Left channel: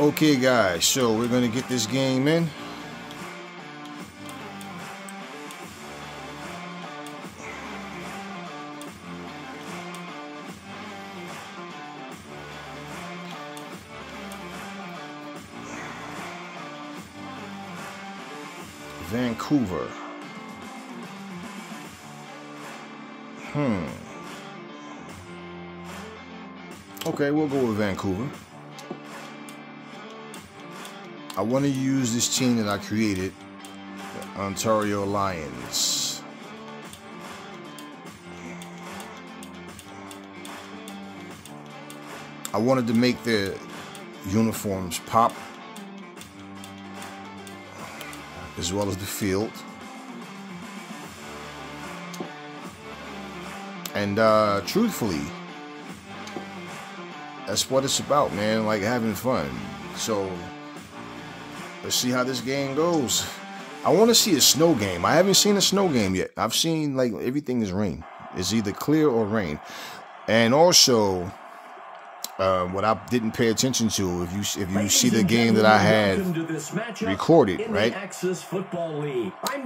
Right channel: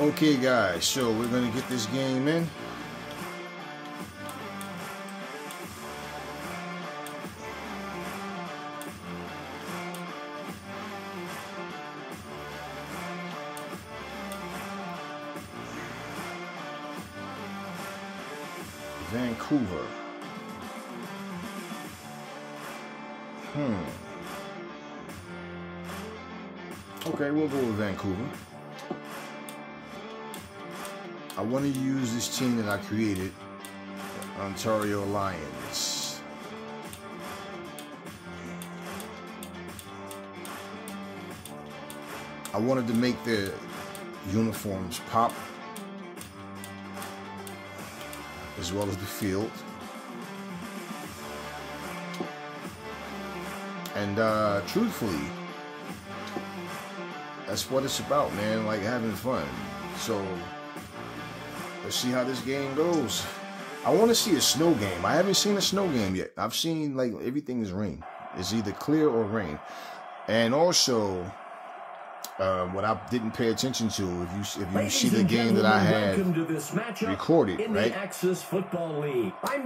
Okay, guys, so we're going to get this game in. Vancouver. Okay, we'll go with Vancouver. I want to use this team that I created, Ontario Lions. I wanted to make their uniforms pop, as well as the field. And truthfully, that's what it's about, man, like having fun. So let's see how this game goes. I want to see a snow game. I haven't seen a snow game yet. I've seen like everything is rain. It's either clear or rain. And also, what I didn't pay attention to, if you see the game that I had recorded, right,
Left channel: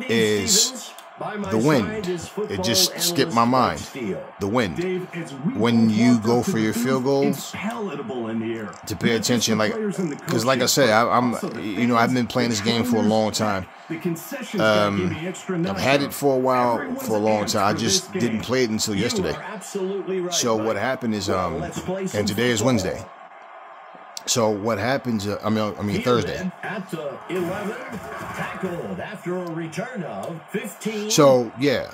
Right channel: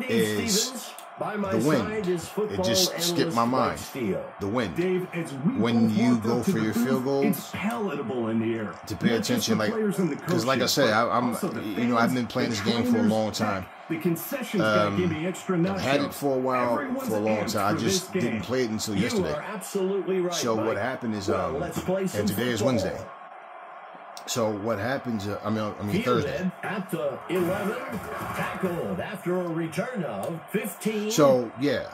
is the wind. It just skipped my mind. The wind. When you go for your field goals, to pay attention, like, because like I said, I've been playing this game for a long time. I've had it for a while, for a long time. I just didn't play it until yesterday. So what happened is, and today is Wednesday. So what happens? I mean Thursday. At the 11, tackled after a return of 15. So yeah,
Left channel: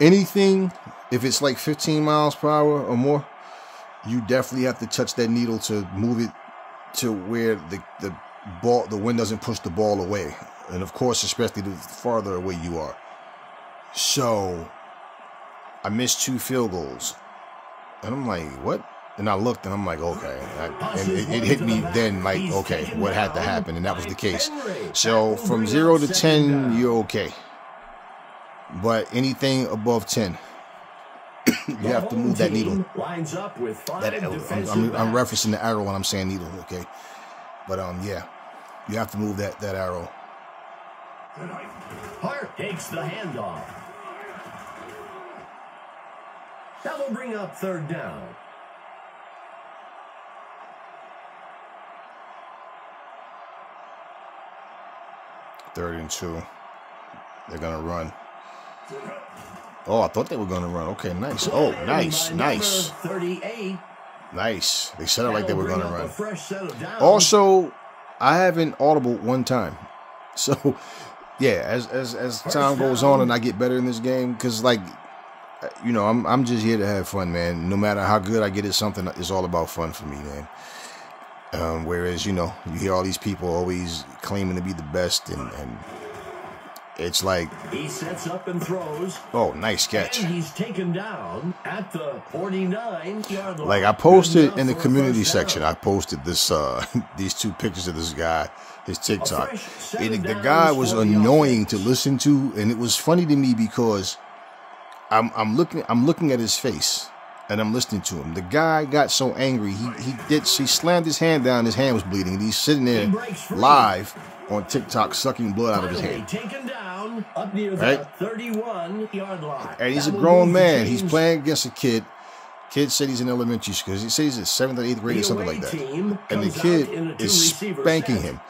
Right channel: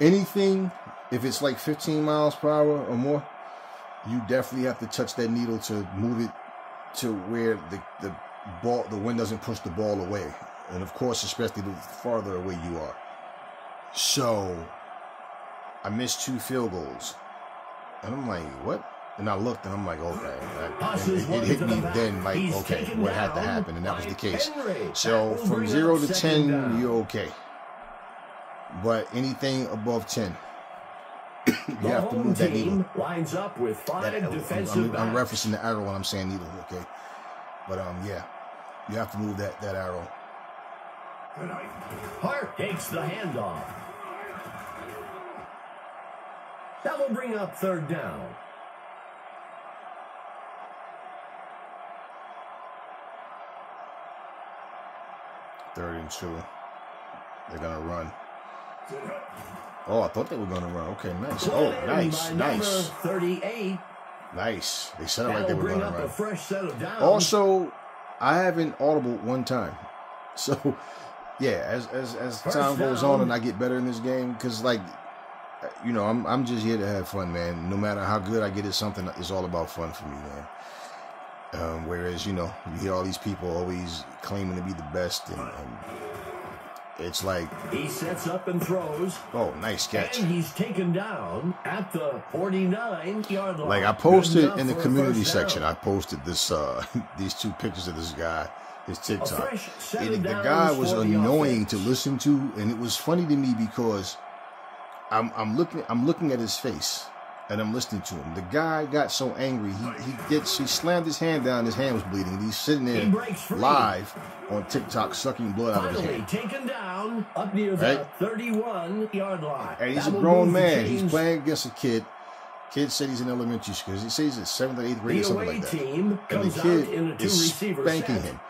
anything if it's like 15 miles per hour or more, you definitely have to touch that needle to move it to where the wind doesn't push the ball away, and of course, especially the farther away you are. So I missed 2 field goals, and I'm like, what? And I looked, and I'm like, okay. And it hit me then, like, okay, what had to happen? And that was the case. So from 0 to 10, you're okay. But anything above 10, you have to move that needle. Lines up with 5 I'm referencing the arrow when I'm saying needle, okay? But yeah, you have to move that arrow. Hart takes the handoff. That will bring up 3rd down. Third and 2. They're gonna run. Oh, I thought they were gonna run. Okay, nice. Oh, nice. 38. Nice. They said it like they were gonna run. Also, I haven't audible one time. So, yeah, as time goes on and I get better in this game, because like, I'm just here to have fun, man. No matter how good I get at something, it's all about fun for me, man. Whereas, you hear all these people always claiming to be the best, and it's like, he sets up and throws. Oh, nice catch. And he's taken down at the 49-yard line. Like I posted in the community section, I posted this these 2 pictures of this guy, his TikTok. And the guy was annoying to listen to, and it was funny to me because I'm looking at his face. And I'm listening to him. The guy got so angry. He slammed his hand down. His hand was bleeding. And he's sitting there live on TikTok, sucking blood out of his hand. Taken down up near the 31-yard line. And he's a grown man. He's playing against a kid. Kid said he's in elementary school. He says he's in 7th or 8th grade or something like that. And the kid is spanking him.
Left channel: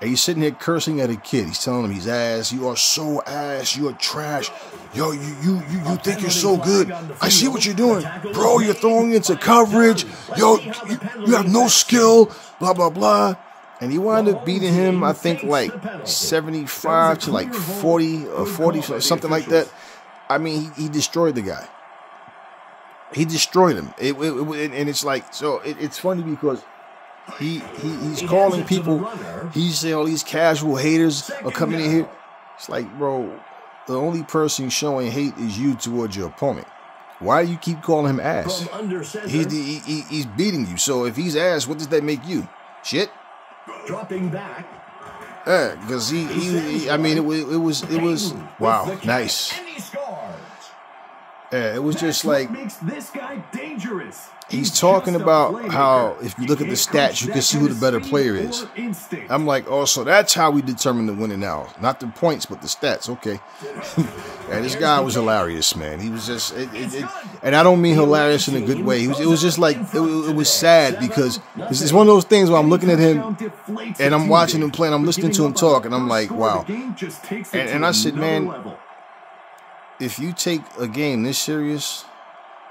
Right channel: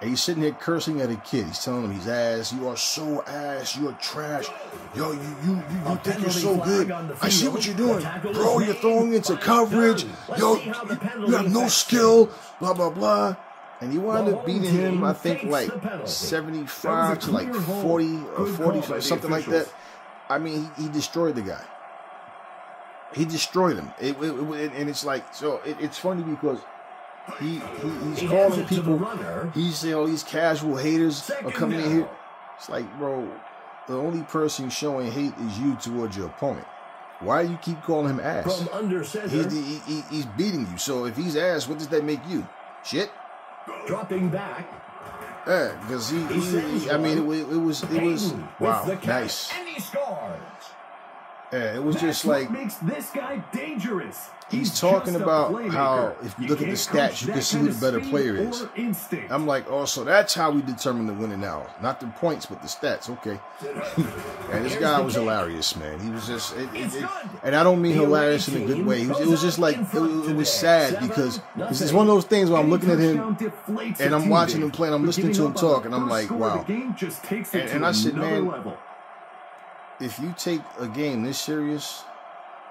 And he's sitting here cursing at a kid. He's telling him he's ass. You are so ass. You are trash. Yo, you think you're so good. I see what you're doing. Bro, you're throwing into coverage. Yo, you have no skill. Blah, blah, blah. And he wound up beating him, I think, like 75 to like 40 or 40, something like that. I mean, he destroyed the guy. He destroyed him. And it's like, so it's funny because he's calling people, he's saying all these casual haters are coming in here. It's like, bro, the only person showing hate is you towards your opponent. Why do you keep calling him ass? He's beating you. So if he's ass, what does that make you? Shit? Dropping back. Yeah, because I mean, it was wow, nice. Yeah, it was just like what makes this guy dangerous. He's talking about how if you look at the stats, you can see who the better player is. I'm like, oh, so that's how we determine the winner now. Not the points, but the stats. Okay. And this guy was hilarious, man. He was just, and I don't mean hilarious in a good way. It was just like, it was sad because it's one of those things where I'm looking at him and I'm watching him play and I'm listening to him talk and I'm like, wow. And I said, man, if you take a game this serious,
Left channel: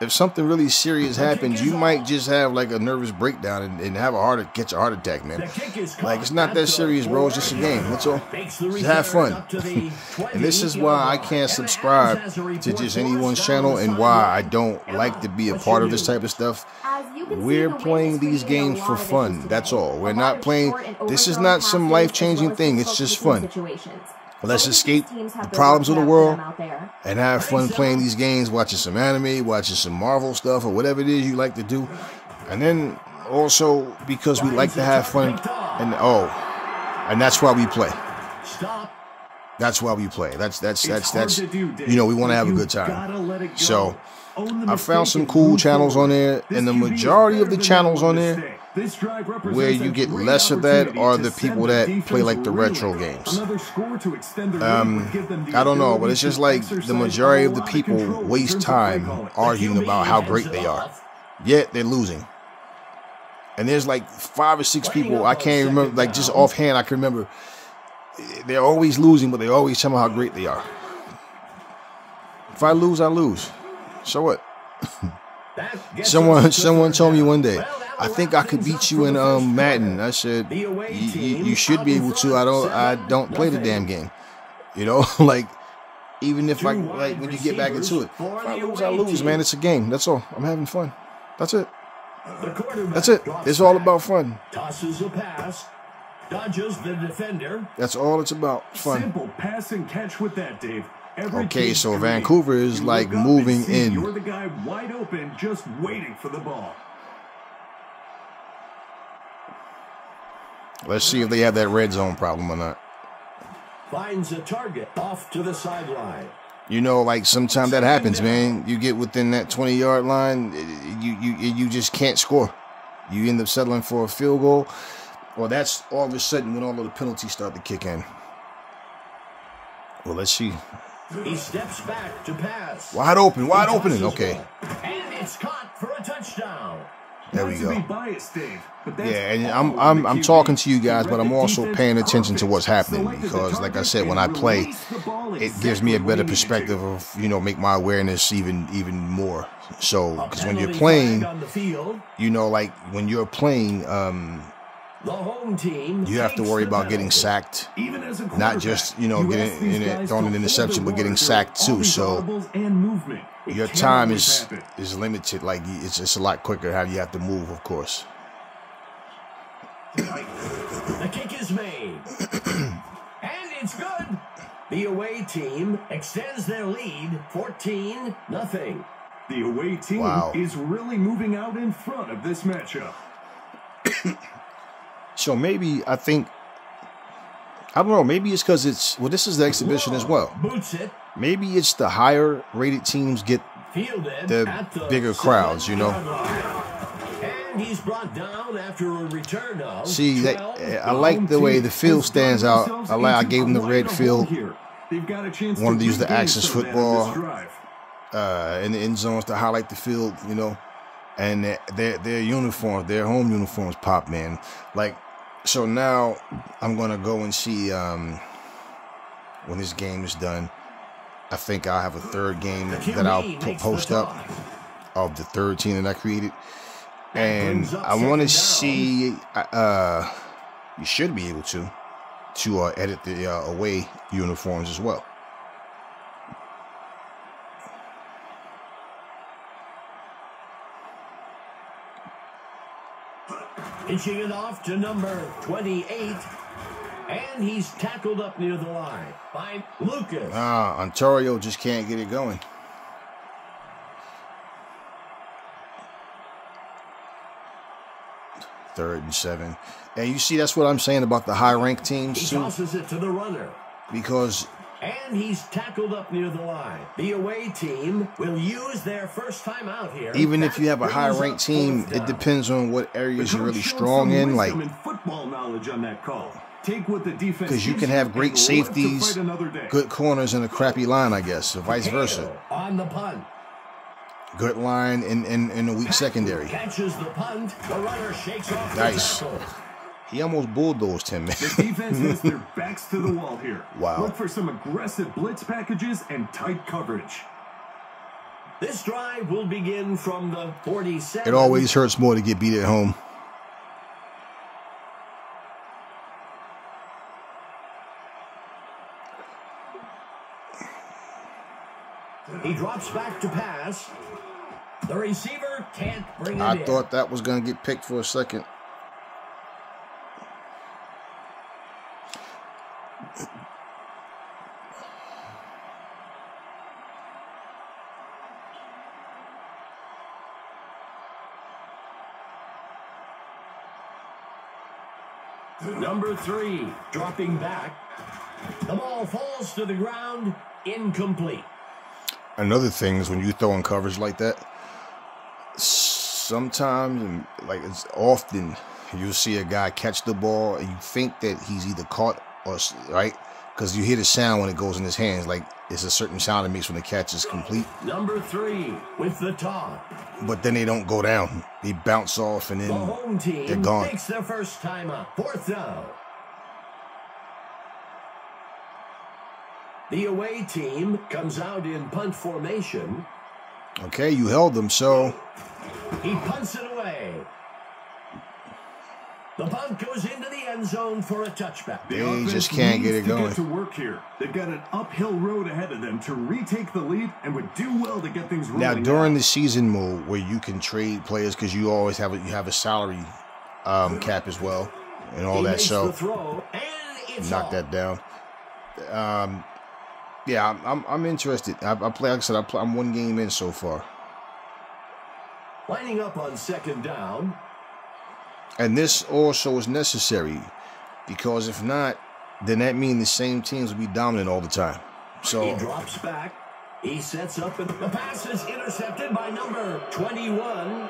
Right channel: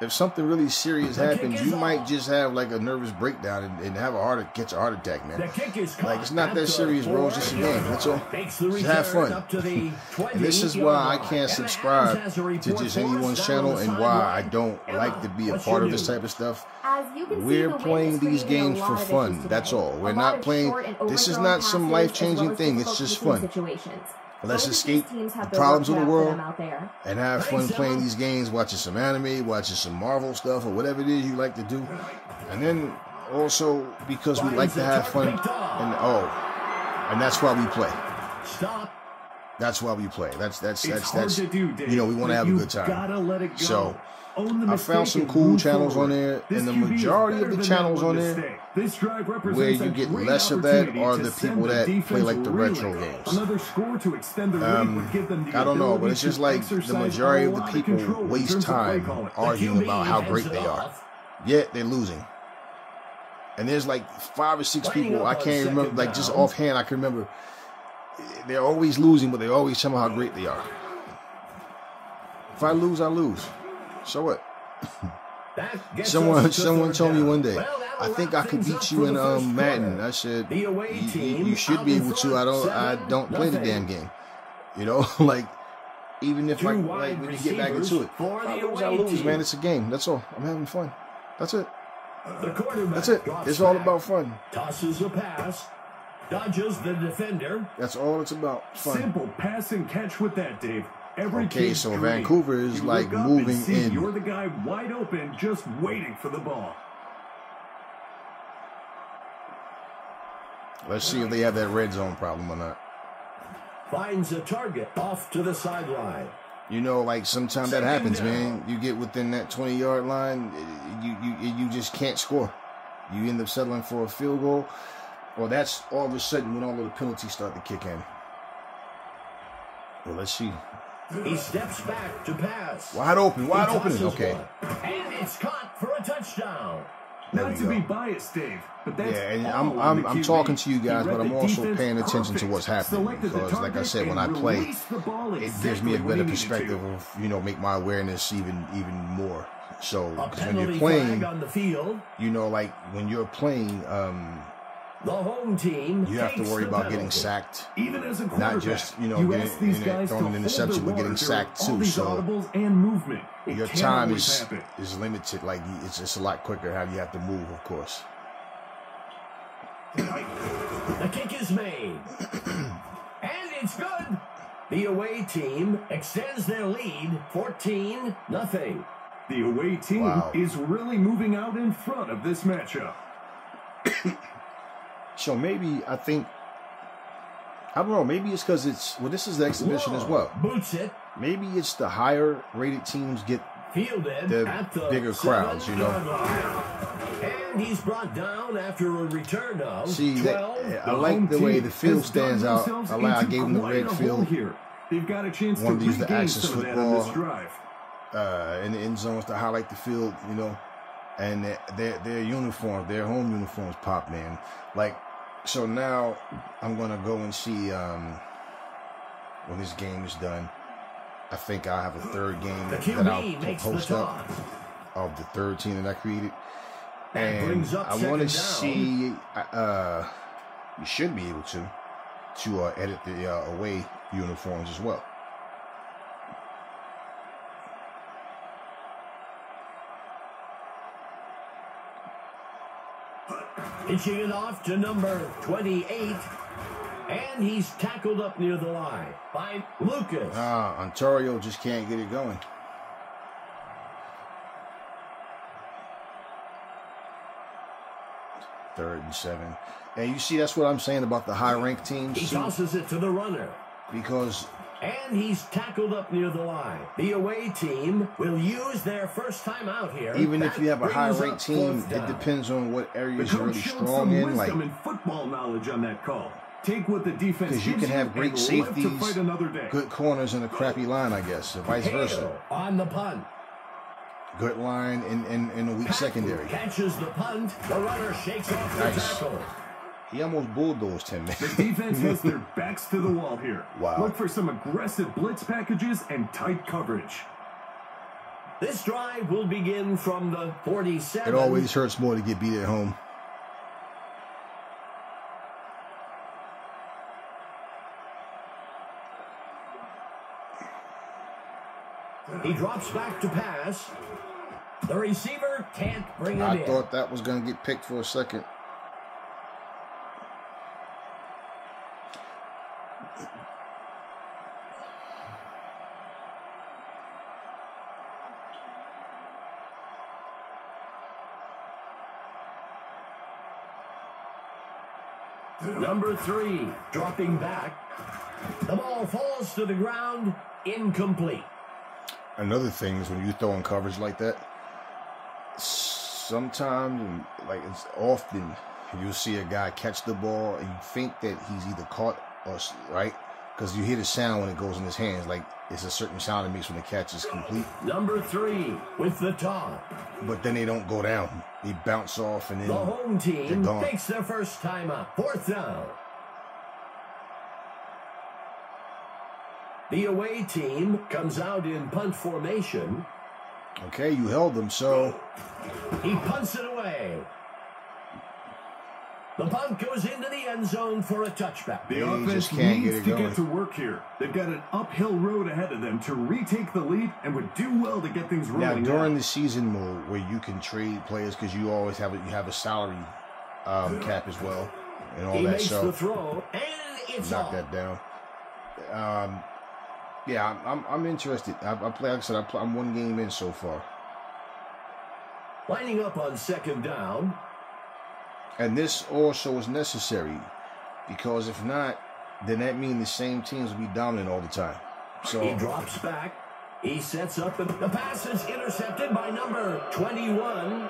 if something really serious happens, you might just have like a nervous breakdown and have catch a heart attack, man. Like, it's not that serious, bro. It's just a game. That's all. Just have fun. And this is why I can't subscribe to just anyone's channel and why I don't like to be a part of this type of stuff. We're playing these games for fun. That's all. We're not playing. This is not some life-changing thing. It's just fun. Let's escape the problems of the world and have fun playing these games, watching some anime, watching some Marvel stuff, or whatever it is you like to do. And then also because we like to have fun, and that's why we play. That's why we play. That's you know, we want to have a good time. So I found some cool channels on there, and the majority of the channels on there where you get less of that are the people that play like the retro games. I don't know, but it's just like the majority of the people waste time arguing about how great they are, yet they're losing. And there's like 5 or 6 people I can't remember, like just offhand I can remember. They're always losing, but they always tell me how great they are. If I lose, I lose. So what? Someone told me one day, I think I could beat you in Madden. I said, you should be able to. I don't play the damn game. You know, like even if when you get back into it, I lose, man. It's a game. That's all. I'm having fun. That's it. That's it. It's all about fun. Tosses a pass, dodges the defender. That's all it's about. Fun. Simple pass and catch with that, Dave. Okay, so Vancouver is like moving in. You're the guy wide open, just waiting for the ball. Let's see if they have that red zone problem or not. Finds a target off to the sideline. You know, like sometimes that happens, man. You get within that 20-yard line, you just can't score. You end up settling for a field goal, or that's all of a sudden when all of the penalties start to kick in. Well, let's see. He steps back to pass. Wide open. Okay. And it's caught for a touchdown. There we go. Not to be biased, Dave, but that's and I'm talking to you guys, but I'm also paying attention to what's happening because, like I said, when I play, it gives me a better perspective of, you know, make my awareness even more. So, because when you're playing, you know, like when you're playing, the home team, you have to worry about getting sacked, not just, you know, throwing an interception, but getting sacked too. So your time is limited. Like it's just a lot quicker how you have to move, of course. The kick is made, and it's good. The away team extends their lead, 14-0. The away team is really moving out in front of this matchup. So maybe I don't know, maybe it's because this is the exhibition as well. Maybe it's the higher rated teams get the bigger crowds, you know. And he's brought down after a return of I like the way the field stands out. I gave them the red field. Wanted to use the access football in the end zones to highlight the field, you know. And their uniforms, their home uniforms pop, man. Like, so now I'm going to go and see when this game is done. I think I'll have a third game that I'll post up of the third team that I created. And I want to see, you should be able to edit the away uniforms as well. Pitching it off to number 28, and he's tackled up near the line by Lucas. Ontario just can't get it going. Third and 7. And you see, that's what I'm saying about the high-ranked teams. He tosses it to the runner. Because And he's tackled up near the line. The away team will use their first time out here. Even if you have a high-ranked team, it depends on what areas you're really strong in. Like football knowledge on that call. Take what the defense, because you can have great safeties, good corners, and a crappy line, I guess, or vice versa. On the punt. Good line in a weak secondary. Catches the punt. The runner shakes off the tackle. He almost bulldozed him, man. The defense has their backs to the wall here. Wow. Look for some aggressive blitz packages and tight coverage. This drive will begin from the 47. It always hurts more to get beat at home. He drops back to pass. The receiver can't bring it in. I thought that was going to get picked for a second. Number 3, dropping back. The ball falls to the ground, incomplete. Another thing is when you throw in coverage like that, sometimes, like it's often, you'll see a guy catch the ball and you think that he's either caught or, right? Because you hear the sound when it goes in his hands, like it's a certain sound it makes when the catch is complete. Number 3 with the toss. But then they don't go down. They bounce off and then the home team they're gone. takes their first time out. 4th down. The away team comes out in punt formation. Okay, you held them, so he punts it away. The punt goes into the end zone for a touchback. The offense just can't get it going. To get to work here. They've got an uphill road ahead of them to retake the lead and would do well to get things rolling. Now, during the season mode where you can trade players because you always have a salary cap as well and all that, so the throw, and it's knock that down. Yeah, I'm interested. I play, like I said, I'm one game in so far. Lining up on 2nd down. And this also is necessary because if not, then that means the same teams will be dominant all the time. So he drops back. He sets up, and the pass is intercepted by number 21.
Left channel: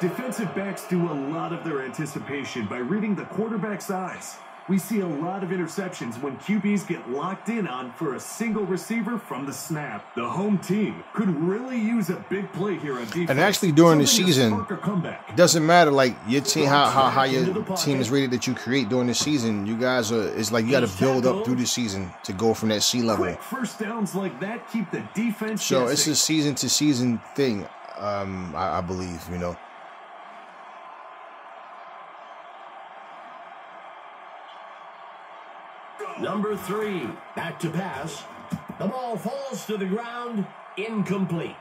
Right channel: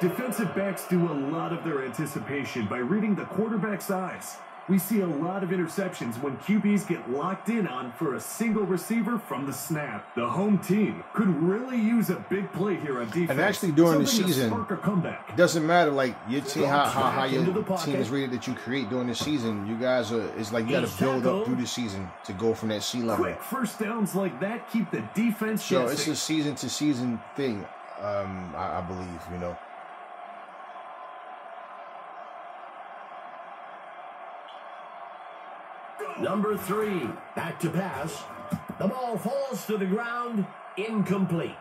Defensive backs do a lot of their anticipation by reading the quarterback's eyes. We see a lot of interceptions when QBs get locked in on for a single receiver from the snap. The home team could really use a big play here on defense. And actually during the season, it doesn't matter like your team, how your team is rated that you create during the season. You guys are, it's like you got to build up through the season to go from that C level. Quick first downs like that keep the defense So guessing. it's a season to season thing, I believe, you know. Number 3, back to pass. The ball falls to the ground, incomplete.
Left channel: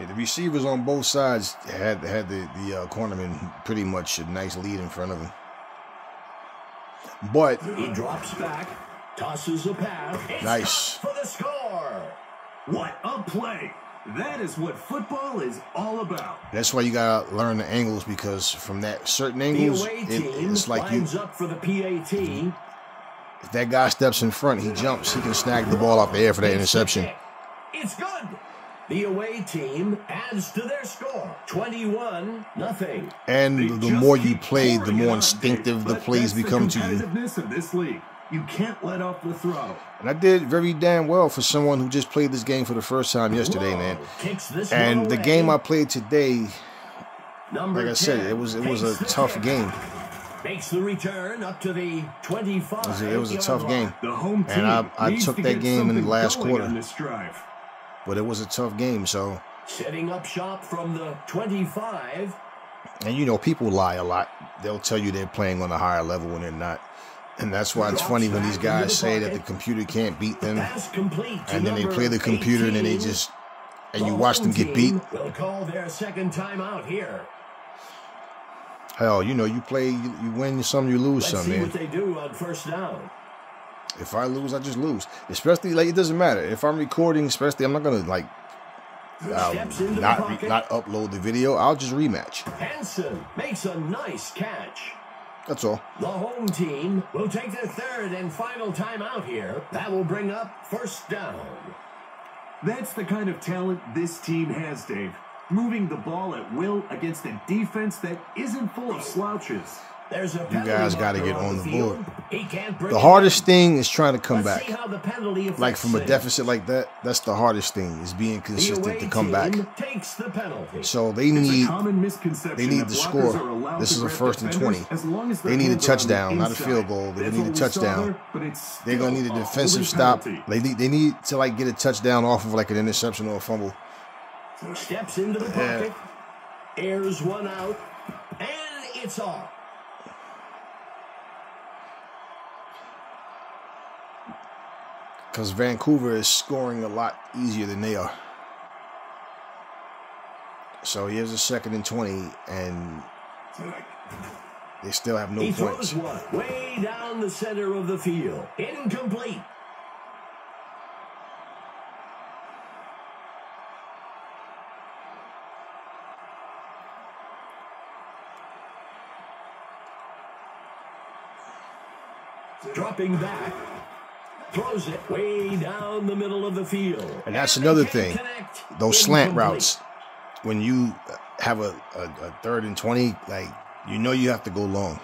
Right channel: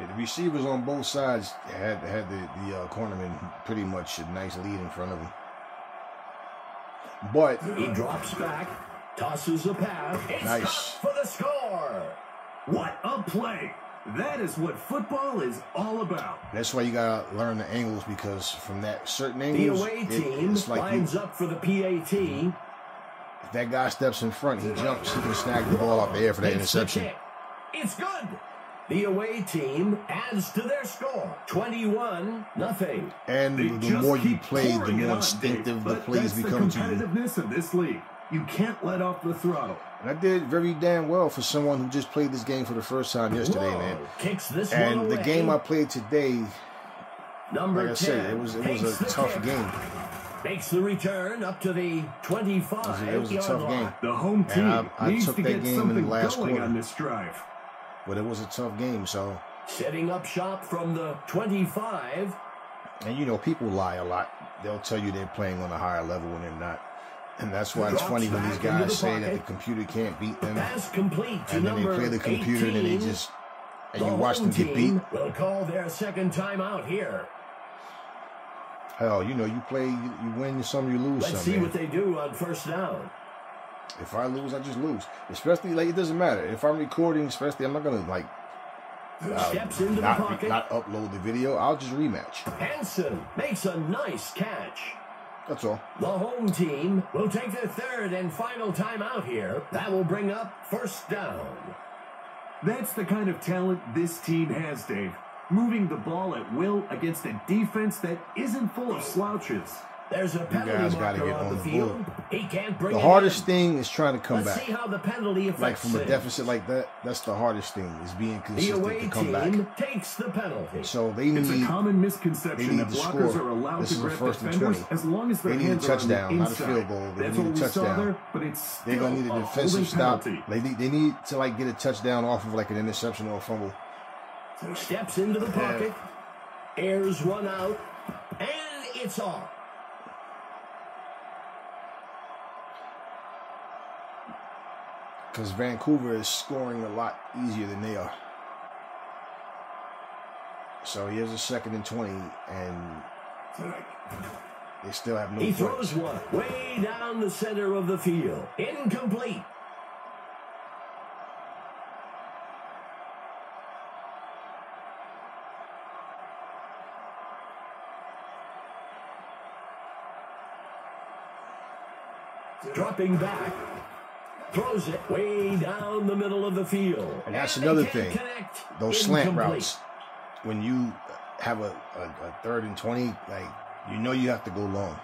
Yeah, the receivers on both sides had the cornerman pretty much a nice lead in front of him. But he drops back, tosses a pass. It's nice for the score. What a play! That is what football is all about. That's why you gotta learn the angles, because from that certain The angles, away team it's like lines up for the PAT. If that guy steps in front, he jumps, he can snag the ball up the air for that interception. It's good. The away team adds to their score, 21-0. And the more you play, the more instinctive the plays become to you. Competitiveness of this league. You can't let off the throttle. And I did very damn well for someone who just played this game for the first time yesterday, man. And the game I played today, like I said, it was a tough game. Makes the return up to the 25. It was a tough game. The home team and I took that game in the last quarter. On this drive. But it was a tough game, so. Setting up shop from the 25. And you know, people lie a lot. They'll tell you they're playing on a higher level when they're not. And that's why it's funny when these guys say that the computer can't beat them. And then they play the computer 18, and then they just, and you watch them get beat. Will call their second time out here. Hell, you know, you play, you win some, you lose some, man. Let's see what they do on first down. If I lose, I just lose. Especially, like, it doesn't matter. If I'm recording, especially, I'm not going to, like, not upload the video. I'll just rematch. Hansen makes a nice catch. That's all. The home team will take their third and final timeout here. That will bring up first down. That's the kind of talent this team has, Dave. Moving the ball at will against a defense that isn't full of slouches. There's a penalty. You guys got to get on the board. He can't bring the hardest thing is trying to come Let's back. see how the penalty like from a things. deficit like that, that's the hardest thing, is being consistent to come back. Takes the penalty. So they need, a common misconception they need that to blockers score. are allowed This to is a grab first and defenders 20. as long as They need a hands are on the touchdown, not a inside. field goal. They That's need a what we saw touchdown. there, but it's They're going to need a defensive stop. penalty. They need to like get a touchdown off of like an interception or a fumble. Steps into the pocket, airs one out, and it's off. Because Vancouver is scoring a lot easier than they are. So here's a 2nd and 20, and they still have no points. He throws one way down the center of the field. Incomplete. Dropping back. Throws it way down the middle of the field. And that's another thing. Those slant routes, when you have a 3rd and 20, like, you know you have to go long.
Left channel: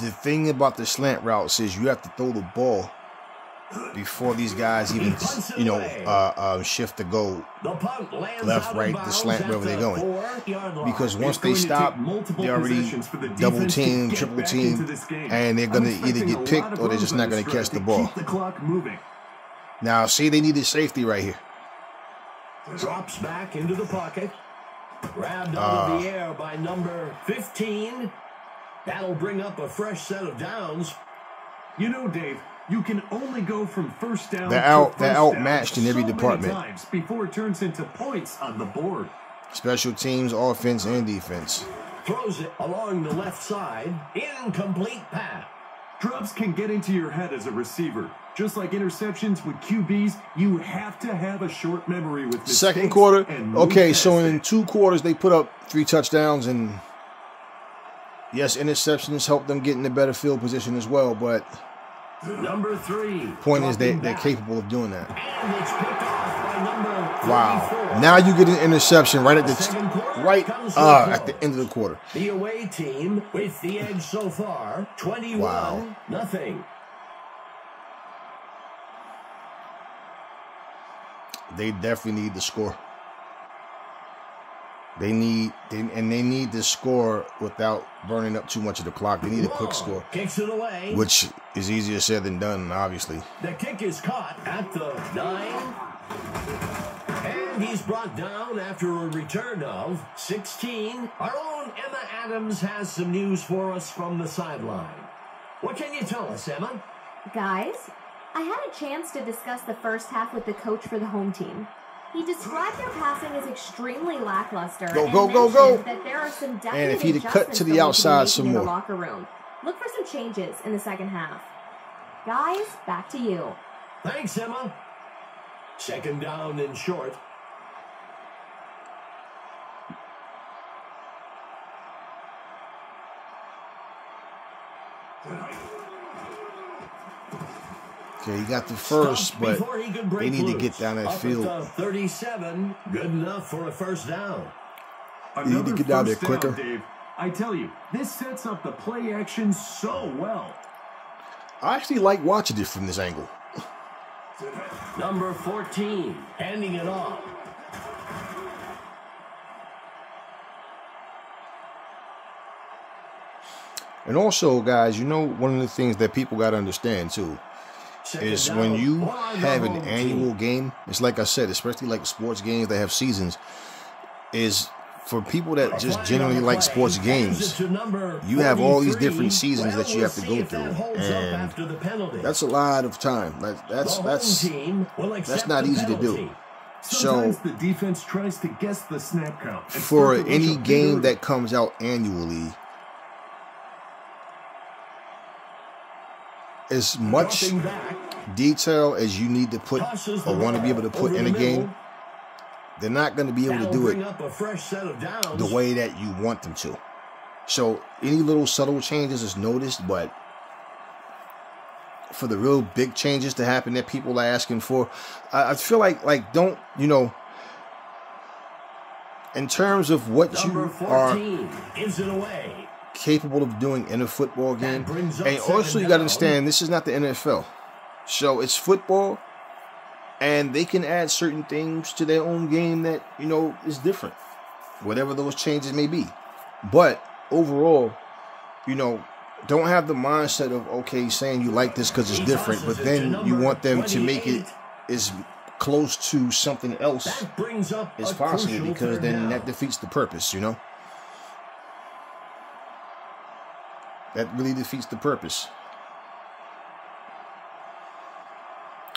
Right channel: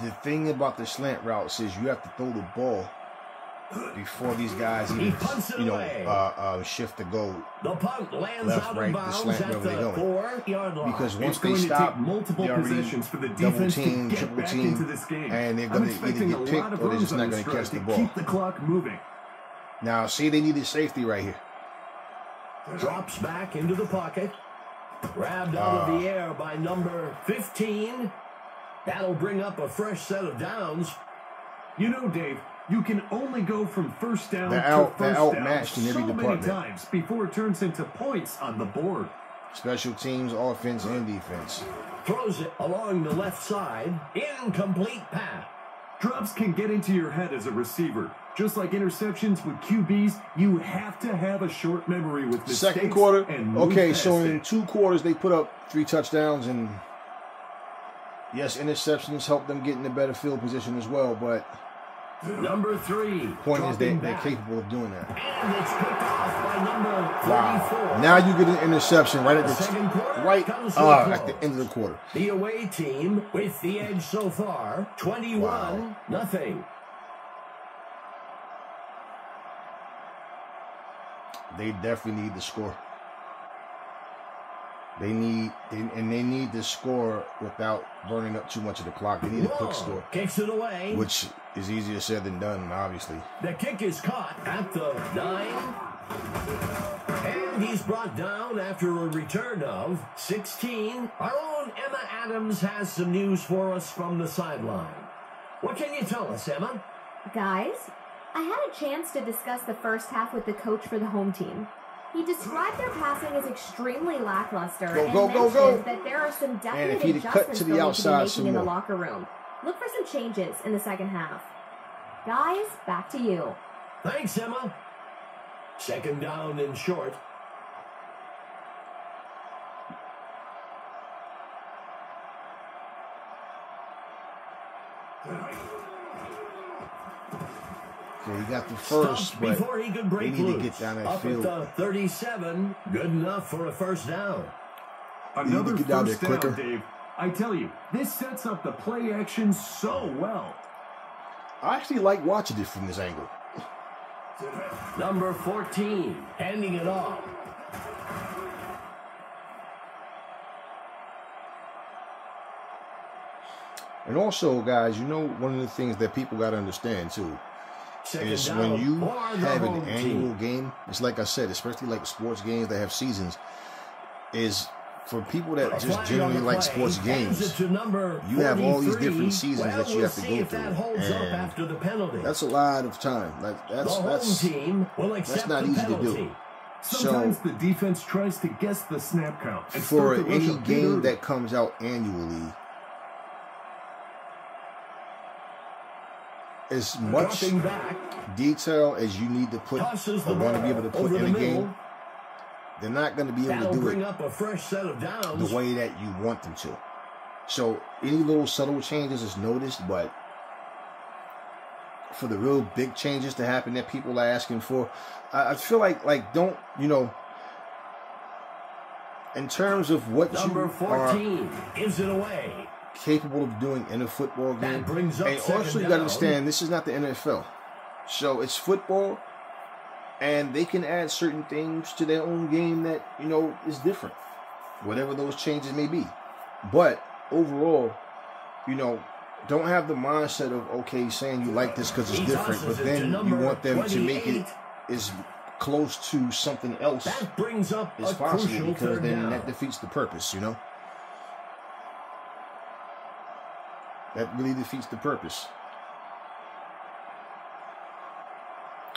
The thing about the slant routes is you have to throw the ball before these guys even, shift to go left, right, the slant, wherever they're going. Because once they stop, they already double team, triple team, and they're going to either get picked or they're just not going to catch the ball. Keep the clock moving. Now, see, they needed safety right here. Drops back into the pocket. Grabbed out of the air by number 15. That'll bring up a fresh set of downs. You know, Dave, you can only go from first down they're outmatched in every department. Many times before it turns into points on the board. Special teams, offense, and defense. Throws it along the left side. Incomplete pass. Drops can get into your head as a receiver. Just like interceptions with QBs, you have to have a short memory with mistakes. Second quarter, okay, so in it. 2 quarters, they put up 3 touchdowns, and yes, interceptions help them get in a better field position as well, but number 3. Point is they're capable of doing that. And it's picked off by number 34. Wow. Now you get an interception right at the end of the quarter. The away team with the edge so far, 21-0. They definitely need to score. They need to score without burning up too much of the clock. They need a quick score. Kicks it away. Which is easier said than done, obviously. The kick is caught at the 9. And he's brought down after a return of 16. Our own Emma Adams has some news for us from the sideline. What can you tell us, Emma? Guys, I had a chance to discuss the first half with the coach for the home team. He described their passing as extremely lackluster and mentioned that there are some definite adjustments they'll need to be making in the locker room. Look for some changes in the second half. Guys, back to you. Thanks, Emma. 2nd down and short. Okay, he got the first, but they need to get down that field. Up at the 37, good enough for a first down. Another first down, Dave. I tell you, this sets up the play action so well. I actually like watching it from this angle. Number 14, handing it off. And also, guys, you know, one of the things that people got to understand, too, is when you have an annual game, it's like I said, especially like sports games that have seasons, is for people that just generally like sports games, you have all these different seasons that you have to go through. And that's a lot of time. That's not easy to do. Sometimes the defense tries to guess the snap count. For any game that comes out annually, as much detail as you need to put or want to be able to put in a game, they're not going to be able to do it the way that you want them to. So any little subtle changes is noticed, but for the real big changes to happen that people are asking for, I feel like don't, you know, in terms of what Number you 14 gives it away. Capable of doing in a football game. And also you got to understand, this is not the NFL. So it's football, and they can add certain things to their own game that, you know, is different. Whatever those changes may be. But overall, you know, don't have the mindset of, okay, saying you like this because it's different, but then you want them to make it as close to something else as possible, because then that defeats the purpose, you know? That really defeats the purpose.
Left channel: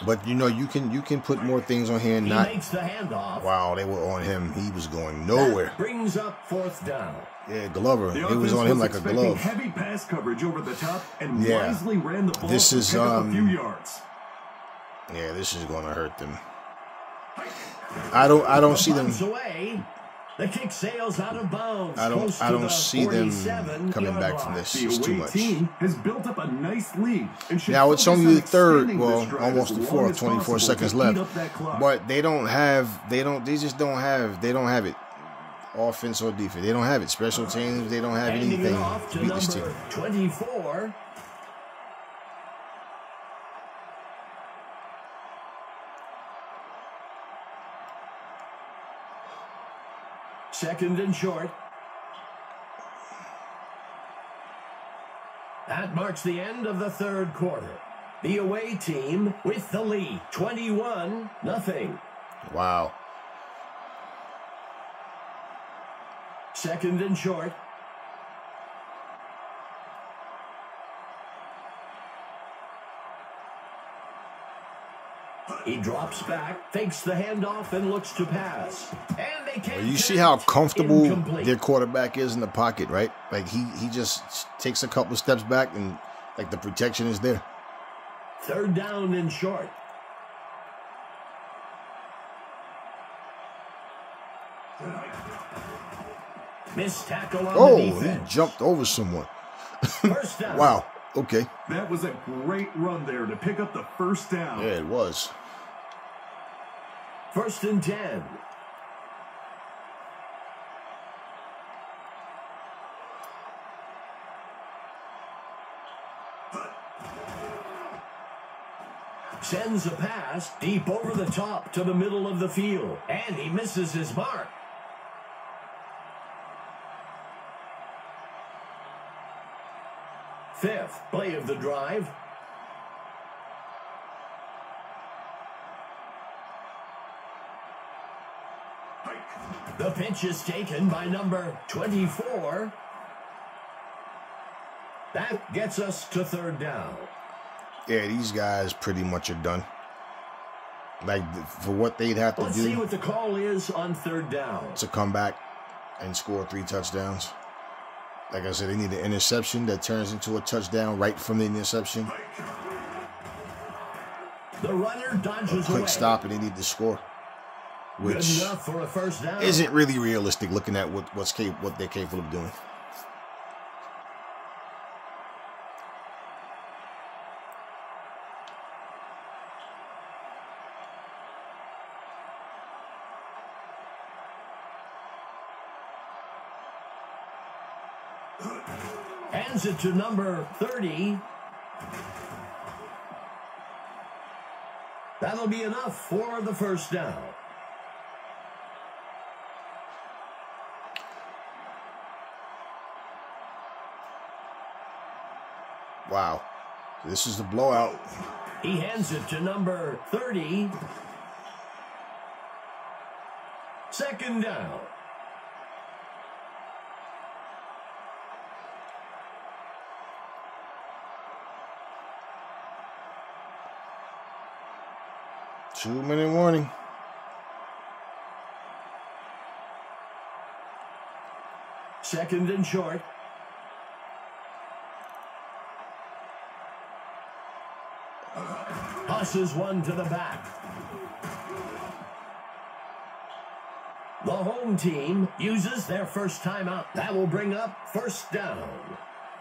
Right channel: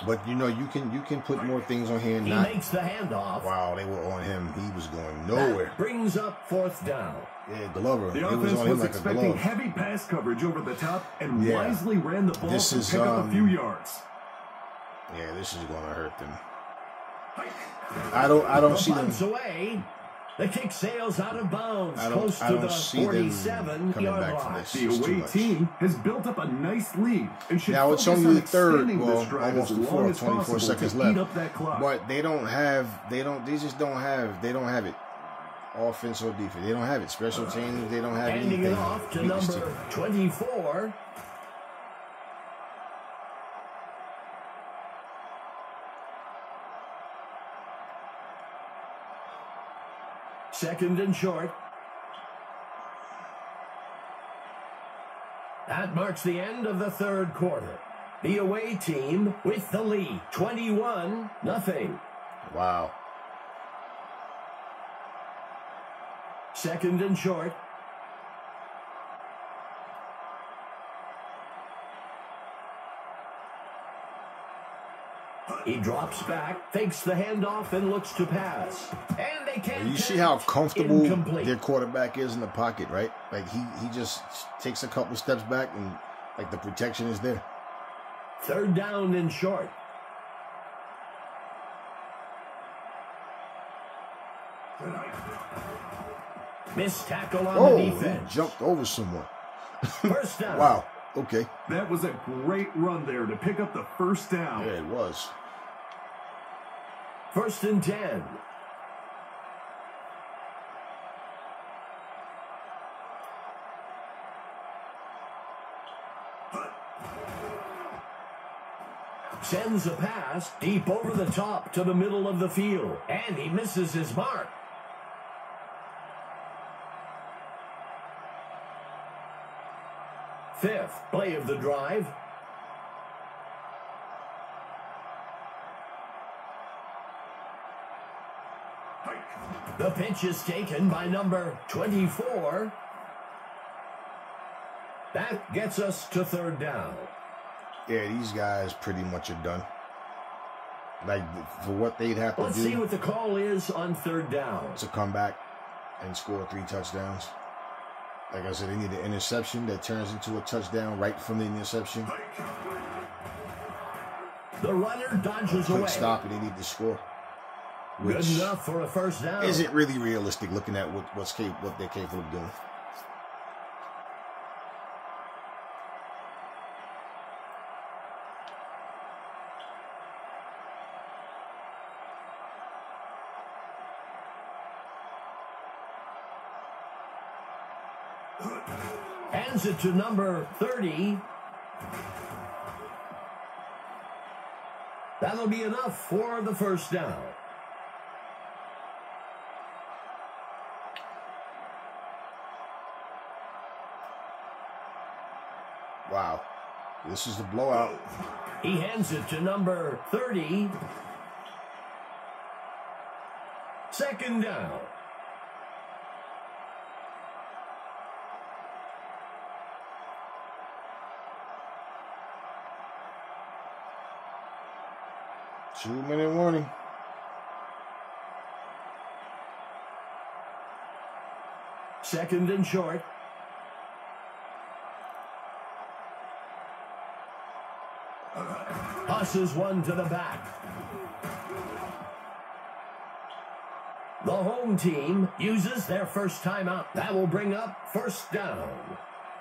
But you know, you can put more things on here. He makes the handoff. Wow, they were on him. He was going nowhere. That brings up 4th down. Yeah, Glover. The he was on him like a glove. Heavy pass coverage over the top and wisely ran the ball to pick up a few yards. Yeah, this is going to hurt them. I don't see them. Away. The kick sails out of bounds. I don't see them coming back from this. The away team has built up a nice lead. And now it's only the third, well, almost the fourth, 24 seconds left. But they don't have it. Offense or defense, they don't have it. Special teams, they don't have anything. Handing it off to number 24. Second and short. That marks the end of the 3rd quarter. The away team with the lead, 21-0. Wow. Second and short. He drops back, fakes the handoff, and looks to pass. And they can't. You see how comfortable their quarterback is in the pocket, right? Like he just takes a couple steps back, and like the protection is there. 3rd down and short. Missed tackle on the defense. He jumped over someone. First down. Wow. Okay. That was a great run there to pick up the 1st down. Yeah, it was. 1st and 10. Sends a pass deep over the top to the middle of the field. And he misses his mark. Fifth play of the drive. The pitch is taken by number 24. That gets us to 3rd down. Yeah, these guys pretty much are done. Like, for what they'd have to do. Let's see what the call is on 3rd down. To come back and score 3 touchdowns. Like I said, they need an interception that turns into a touchdown right from the interception. The runner dodges away. Quick stop, and they need to score. Good enough for a 1st down. Isn't really realistic looking at what they're capable of doing. Hands it to number 30. That'll be enough for the 1st down. Wow. This is the blowout. He hands it to number 30. 2nd down. Two-minute warning. Second and short. Tosses one to the back. The home team uses their first timeout. That will bring up first down.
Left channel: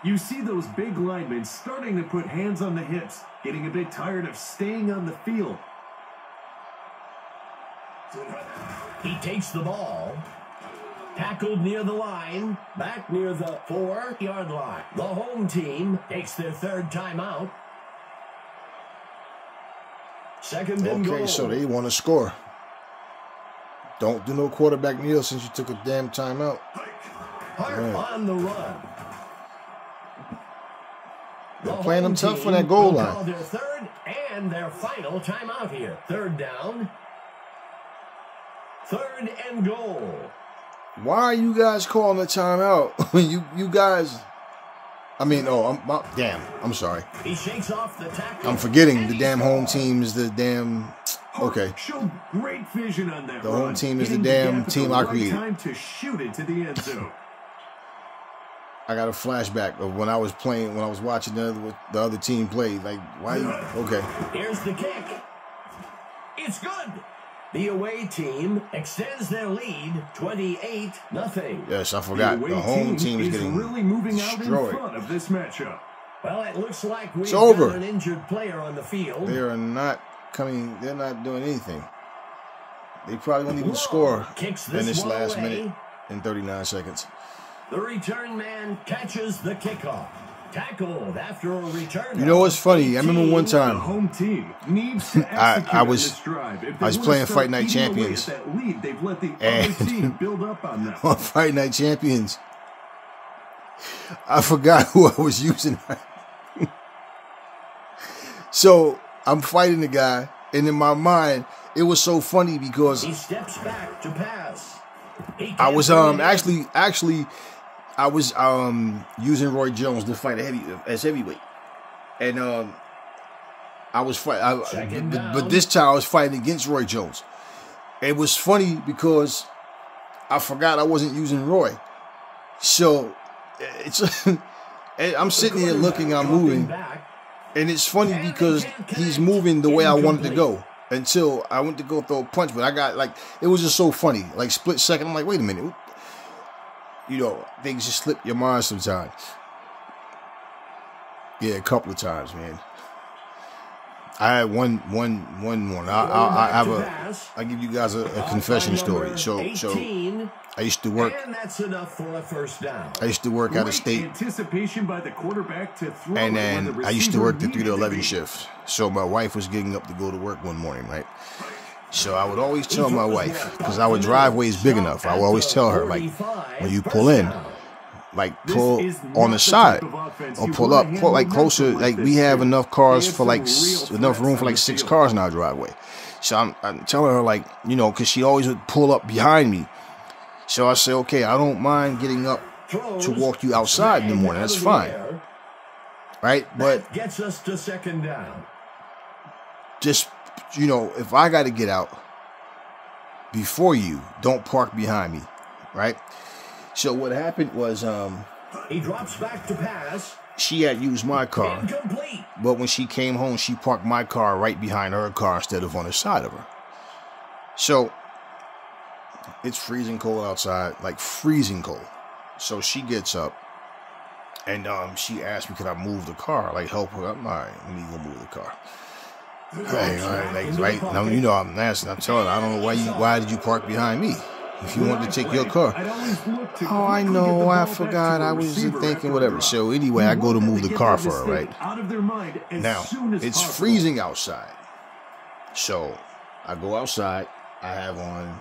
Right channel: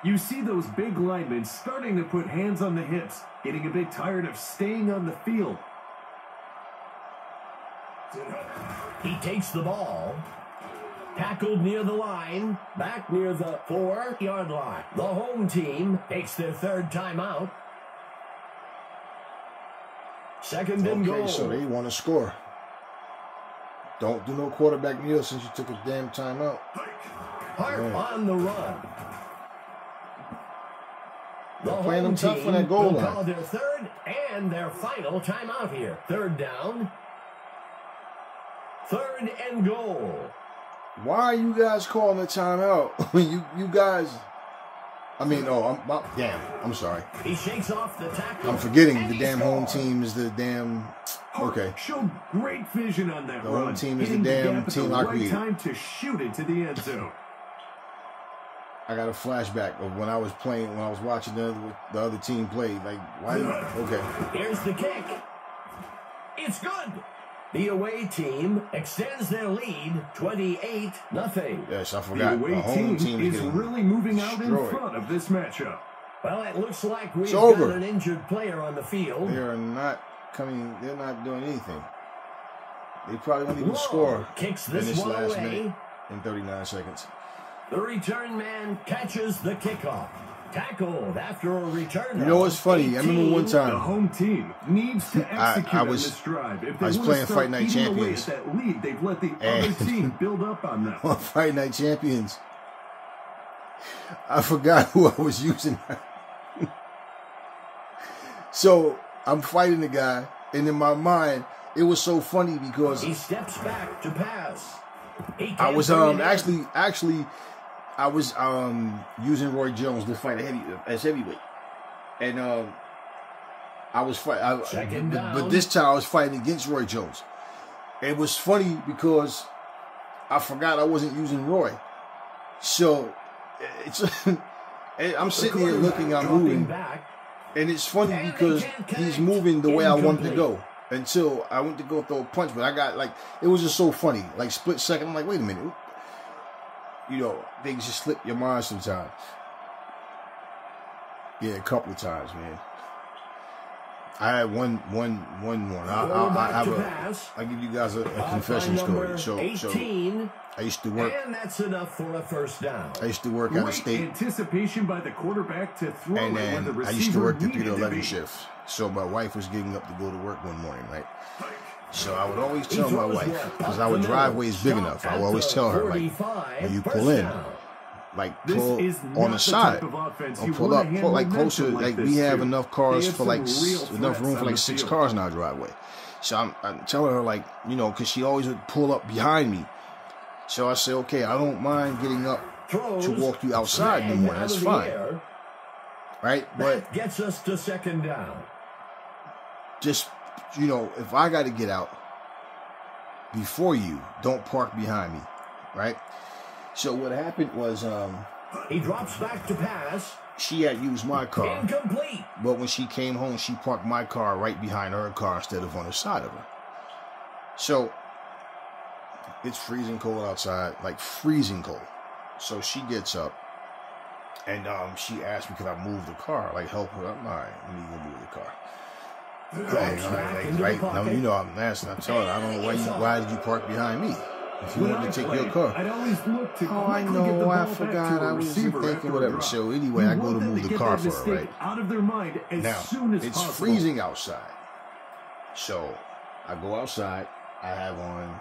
You see those big linemen starting to put hands on the hips, getting a bit tired of staying on the field. He takes the ball. Tackled near the line. Back near the 4-yard line. The home team takes their third timeout. Second and goal. Okay, so they want to score. Don't do no quarterback kneel since you took a damn timeout. Hart on the run. They're playing them tough for that goal line. Call their third and their final timeout here. Third down. Third and goal. Why are you guys calling a timeout? you guys... I mean, I'm sorry. He shakes off the tackle. I'm forgetting the damn home team is the damn... Okay. Showed great vision on that the run. Home team is the damn team I created. Time to shoot into the end zone. I got a flashback of when I was watching the other team play. Like, why? Okay. Here's the kick. It's good. The away team extends their lead 28-0. Yes, I forgot. The home team is getting really moving out in front of this matchup. Well, it looks like we've got an injured player on the field. They are not coming. They're not doing anything. They probably won't even score in this last minute and 39 seconds. The return man catches the kickoff. Tackled after a return. You know what's funny? I remember one time the home team needs to execute I was on this drive. If they I was playing Fight Night Champions. That lead, they've let the other team build up on them. On Fight Night Champions, I forgot who I was using. So I'm fighting the guy, and in my mind, it was so funny because he steps back to pass. I was actually. I was using Roy Jones to fight as heavyweight, and I was fighting. But this time I was fighting against Roy Jones. It was funny because I forgot I wasn't using Roy, so it's. I'm sitting here looking, I'm moving, and it's funny because he's moving the way I wanted to go until I went to go throw a punch, but I got it was just so funny, split second. I'm like, wait a minute. You know, things just slip your mind sometimes. Yeah, a couple of times, man. I had one morning. I'll give you guys a confession story. So I used to work. And that's enough for a first down. I used to work out of state. Anticipation by the quarterback to throw. And then I used to work the 3 to 11 shift. So my wife was getting up to go to work one morning, right? So I would always tell my wife, because our driveway is big enough, I would always tell her, when you pull in, pull on the side, or pull up, closer, we have enough cars for enough room for 6 cars in our driveway. So I'm telling her, because she always would pull up behind me. So I say, okay, I don't mind getting up to walk you outside in the morning. That's fine, right? But that gets us to second down. Just, if I got to get out before you, don't park behind me, right? So what happened was, he drops back to pass. She had used my car. Incomplete. But when she came home, she parked my car right behind her car instead of on the side of her. So it's freezing cold outside, freezing cold. So she gets up and she asked me, could I move the car, help her? I'm all right, let me go move the car. Right. Now, I'm asking. I'm telling her, I don't know why did you park behind me? If you wanted to take your car. I know, I forgot, I was thinking, whatever. So anyway, I go to move the car for her, right? Now, it's freezing outside. So I go outside, I have on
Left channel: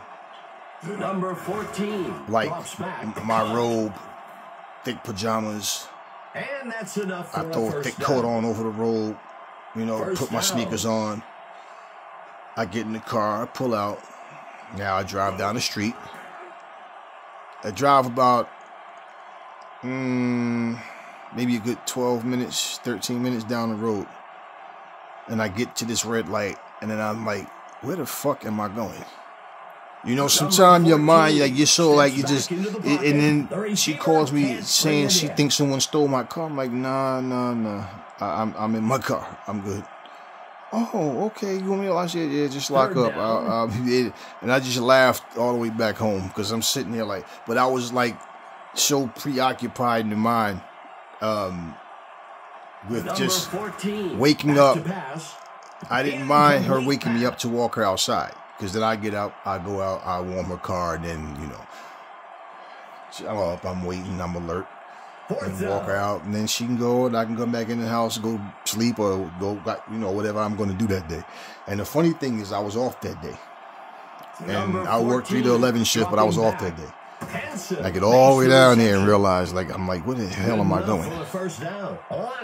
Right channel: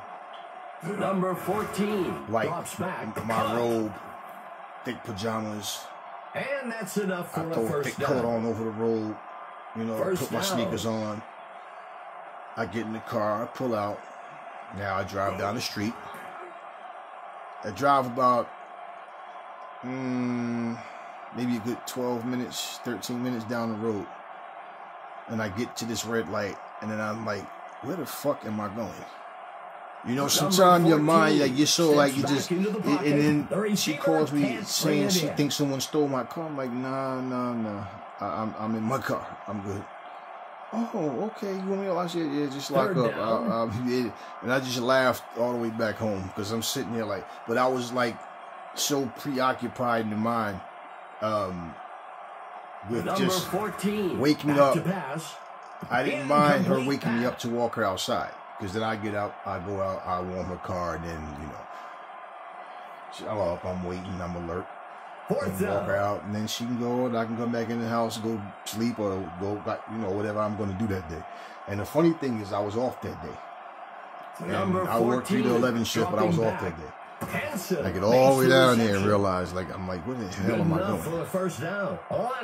number 14. My robe, thick pajamas. And that's enough for I throw a thick coat on over the robe. Put my sneakers on. I get in the car, I pull out. Now I drive down the street. I drive about maybe a good 12 minutes, 13 minutes down the road. And I get to this red light, and then I'm like, where the fuck am I going? Sometimes your mind, you're so you just, and then she calls me saying she thinks someone stole my car. I'm like, nah. I'm in my car. I'm good. Oh, okay. You want me to watch it? Yeah, just lock up. And I just laughed all the way back home because I'm sitting there like, but I was like so preoccupied in the mind with just waking up. I didn't mind her waking me up to walk her outside because then I get up, I go out, I warm her car, and then, you know, I'm up, I'm waiting, I'm alert. And walk her out, and then she can go, and I can come back in the house, go sleep, or go, you know, whatever I'm going to do that day. And the funny thing is, I was off that day. And I worked 3 to 11 shift, but I was off that day. I get all the way down there and realize, like, I'm like, what the hell am I doing?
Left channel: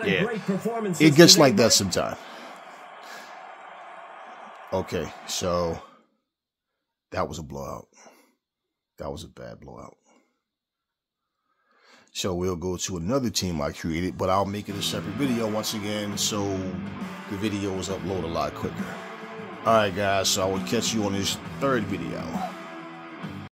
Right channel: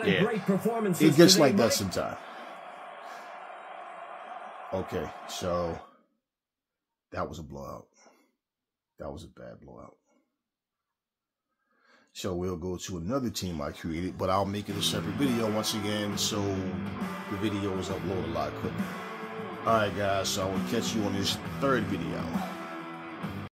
Yeah, it gets like that sometimes. Okay, so that was a blowout. That was a bad blowout. So we'll go to another team I created, but I'll make it a separate video once again, so the video is uploaded a lot quicker. All right, guys, so I will catch you on this third video.